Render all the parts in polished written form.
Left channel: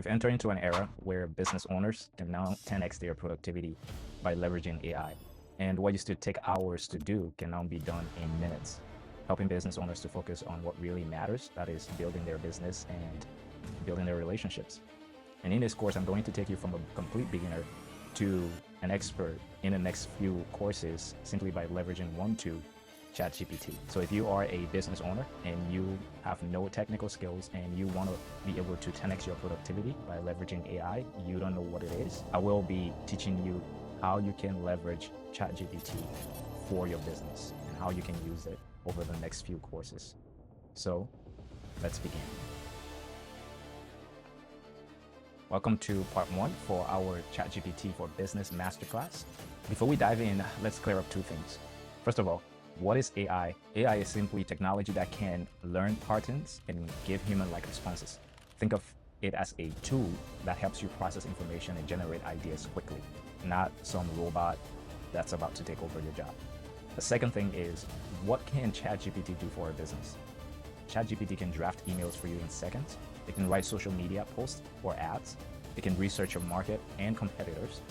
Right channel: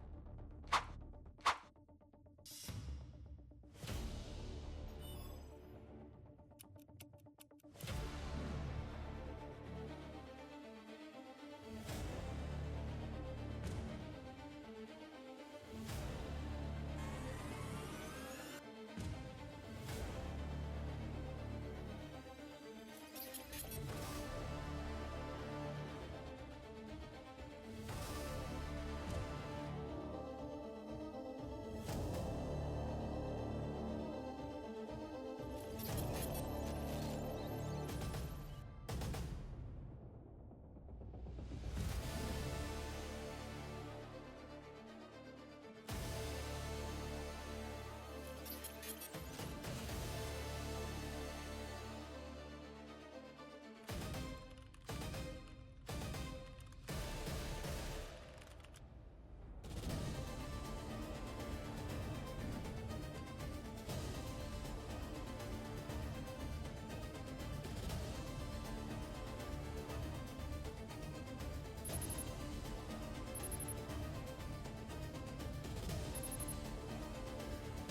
We've entered into an era where business owners can now 10x their productivity by leveraging AI. And what used to take hours to do can now be done in minutes, helping business owners to focus on what really matters, that is building their business and building their relationships. And in this course, I'm going to take you from a complete beginner to an expert in the next few courses simply by leveraging one tool, ChatGPT. So if you are a business owner and you have no technical skills and you want to be able to 10x your productivity by leveraging AI, you don't know what it is, I will be teaching you how you can leverage ChatGPT for your business and how you can use it over the next few courses. So let's begin. Welcome to part 1 for our ChatGPT for Business Masterclass. Before we dive in, let's clear up two things. First of all, what is AI? AI is simply technology that can learn patterns and give human-like responses. Think of it as a tool that helps you process information and generate ideas quickly, not some robot that's about to take over your job. The second thing is, what can ChatGPT do for a business? ChatGPT can draft emails for you in seconds. It can write social media posts or ads. It can research your market and competitors.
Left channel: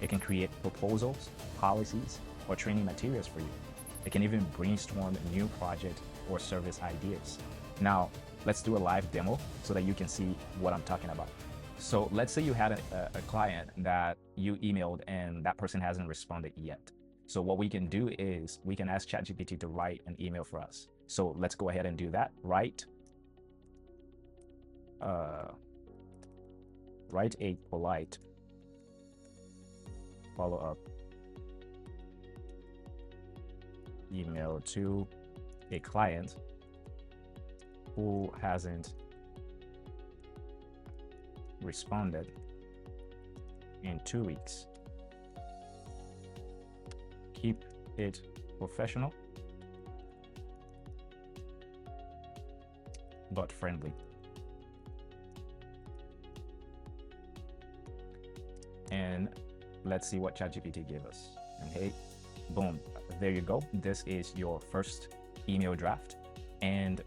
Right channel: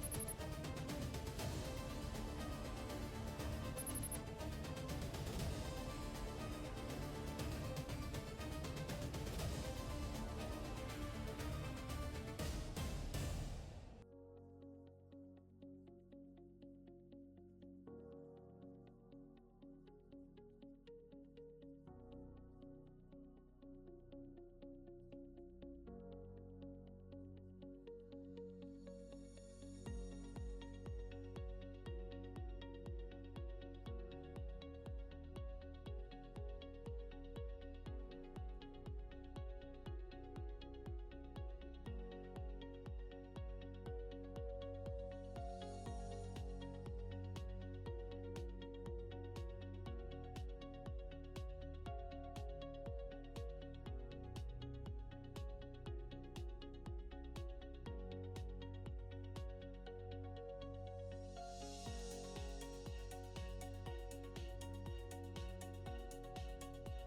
It can create proposals, policies, or training materials for you. It can even brainstorm new project or service ideas. Now, let's do a live demo so that you can see what I'm talking about. So let's say you had a client that you emailed and that person hasn't responded yet. So what we can do is we can ask ChatGPT to write an email for us. So let's go ahead and do that. Write a polite follow-up email to a client who hasn't responded in 2 weeks. Keep it professional but friendly. And let's see what ChatGPT gave us. Okay, boom, there you go. This is your first email draft, and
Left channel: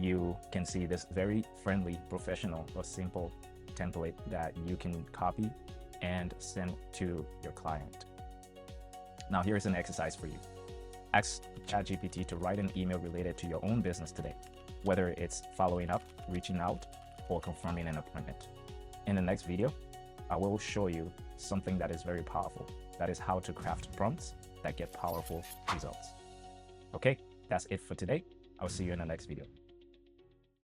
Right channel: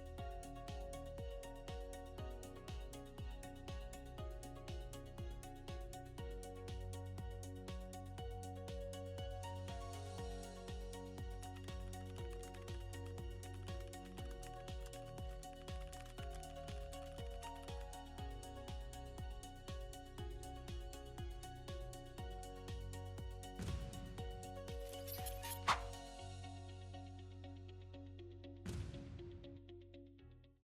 you can see this very friendly, professional, or simple template that you can copy and send to your client. Now here's an exercise for you. Ask ChatGPT to write an email related to your own business today, whether it's following up, reaching out, or confirming an appointment. In the next video, I will show you something that is very powerful. That is how to craft prompts that get powerful results. Okay, that's it for today. I'll see you in the next video.